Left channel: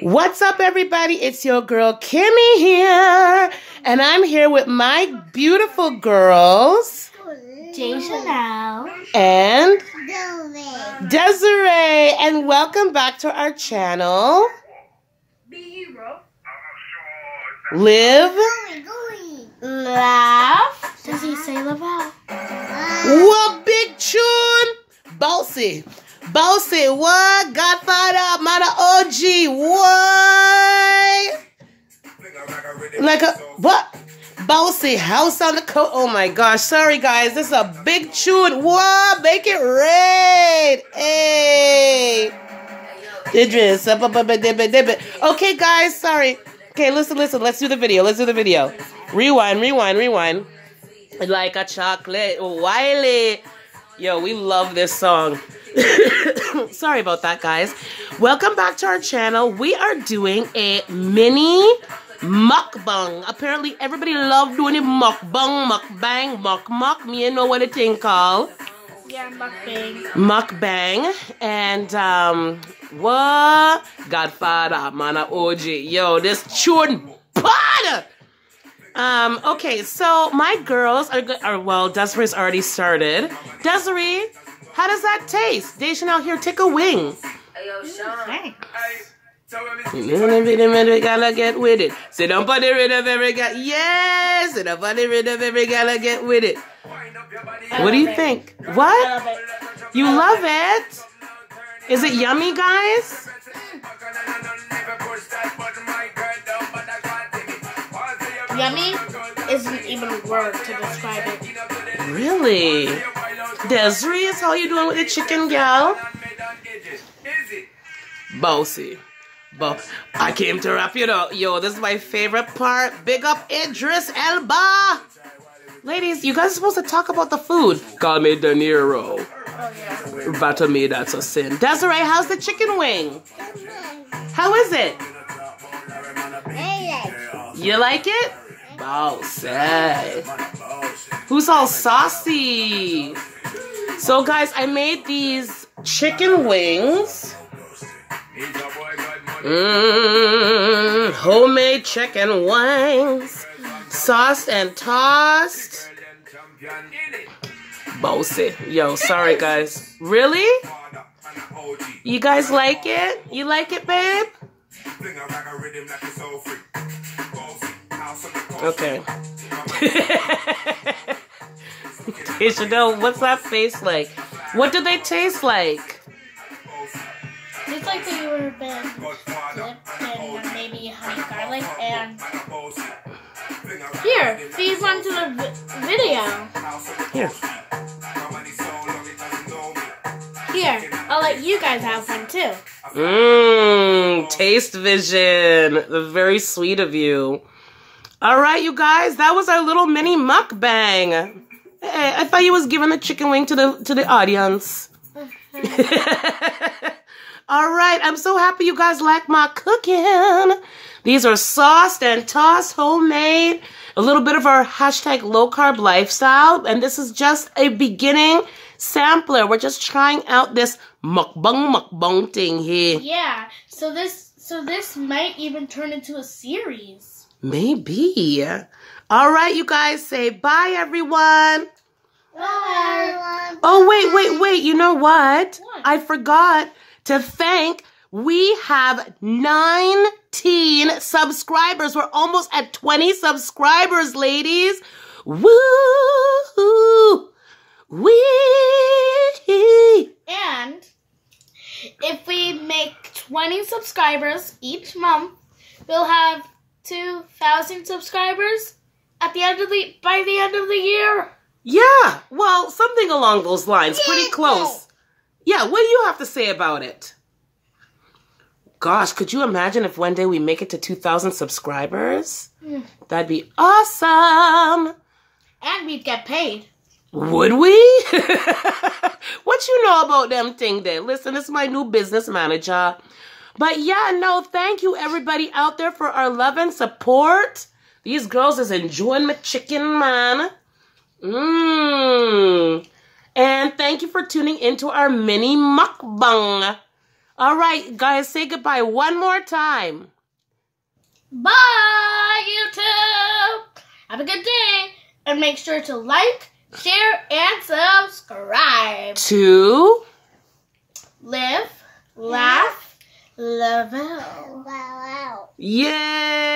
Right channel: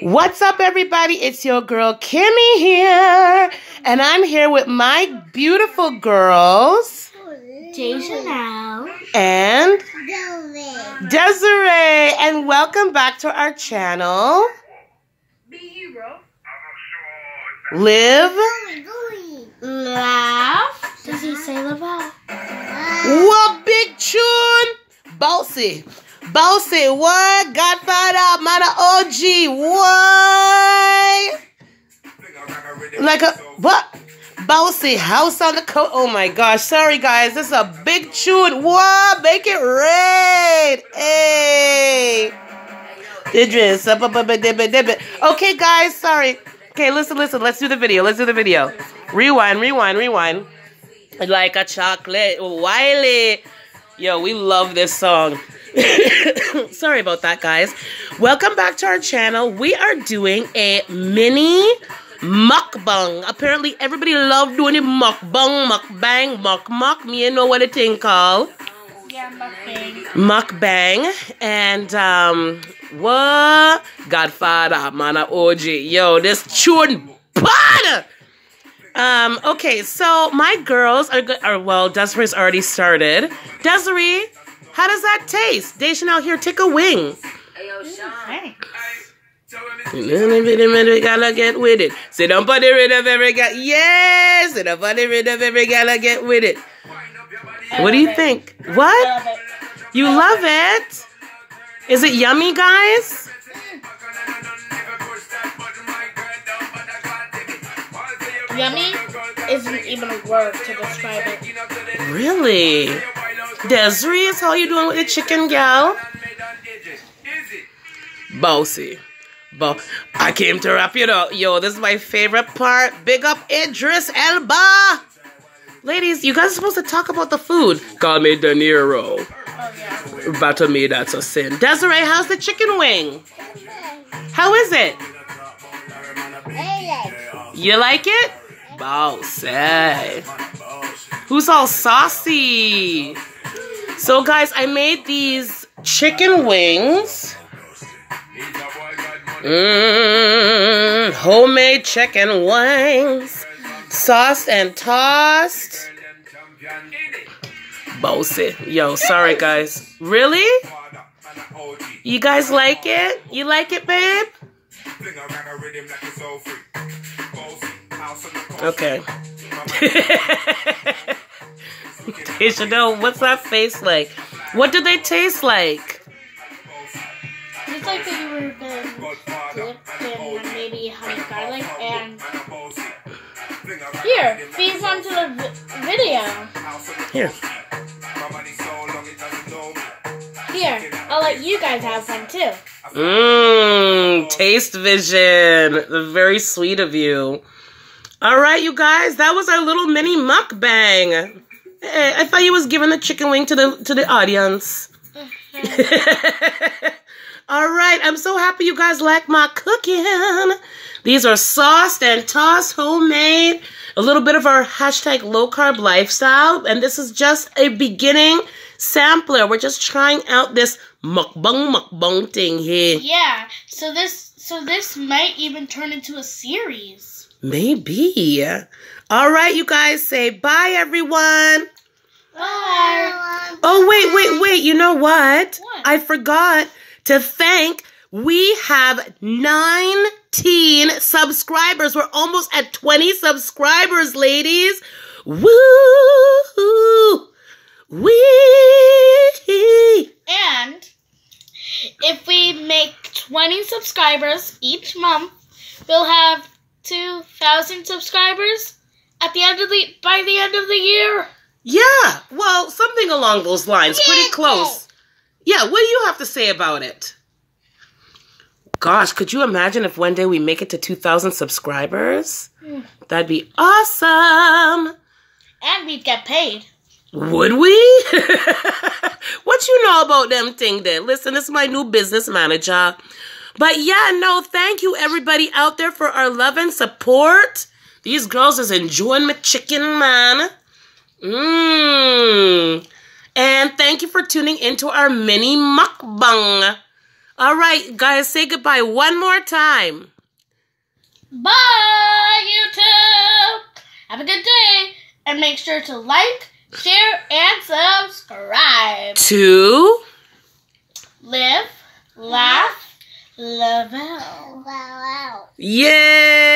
What's up, everybody? It's your girl, Kimmy here. And I'm here with my beautiful girls, Jason and Desiree. And welcome back to our channel. Live. Laugh. Does he say laugh out? What big tune? Bossy. Bossy, what? Godfather, man of OG, what? Like a, what? Bossy, house on the coast. Oh my gosh, sorry guys, this is a big tune. What? Make it rain. Hey. Idris. Okay guys, sorry. Okay, listen, let's do the video, Rewind. Like a chocolate, Wiley. Yo, we love this song. Sorry about that, guys. Welcome back to our channel. We are doing a mini mukbang. Apparently, everybody love doing it. Muckbang, muck. Me, you know what it thing called? Yeah, muckbang. Muckbang. And, what? Godfather, man of OG. Yo, this tune bad! Okay, so my girls are well, Desiree's already started. Desiree, how does that taste? Dacian out here, take a wing. Thanks. We gotta get with it. Sit up on the rhythm, every guy. Yes, sit up on the rhythm, every gotta get with it. What do you think? What? I love it. You love it? Is it yummy, guys? Yummy isn't even a word to describe it. Really? Desiree, how you doing with the chicken, gal? Bossy. I came to wrap it up. Yo, this is my favorite part. Big up Idris Elba. Ladies, you guys are supposed to talk about the food. Call me De Niro. Oh, yeah. But to me, that's a sin. Desiree, how's the chicken wing? How is it? You like it? Bossy. Who's all saucy? So, guys, I made these chicken wings. Homemade chicken wings. Sauced and tossed. Bossy. Yo, sorry, guys. Really? You guys like it? You like it, babe? Okay. You should know, what's that face like? What do they taste like? Just like they were been flipped and maybe have garlic and... Here, feed one to the video. Here. Here, I'll let you guys have one too. Taste vision. Very sweet of you. All right, you guys, that was our little mini mukbang. Hey, I thought you was giving the chicken wing to the audience. All right, I'm so happy you guys like my cooking. These are sauced and tossed, homemade. A little bit of our hashtag low carb lifestyle, and this is just a beginning sampler. We're just trying out this mukbang thing here. Yeah, so this might even turn into a series. Maybe. All right, you guys, say bye, everyone. Bye. Oh, wait. You know what? What? I forgot to thank. We have 19 subscribers. We're almost at 20 subscribers, ladies. Woo! Wee! And if we make 20 subscribers each month, we'll have 2,000 subscribers by the end of the year. Yeah, well, something along those lines. Pretty close. Yeah, what do you have to say about it? Gosh, could you imagine if one day we make it to 2,000 subscribers? That'd be awesome. And we'd get paid. Would we? What you know about them thing there? Listen, this is my new business manager. But yeah, no, thank you everybody out there for our love and support. These girls is enjoying my chicken, man. And thank you for tuning into our mini mukbang. All right, guys, say goodbye one more time. Bye, YouTube. Have a good day. And make sure to like, share, and subscribe. To Live, laugh, love out. Yay!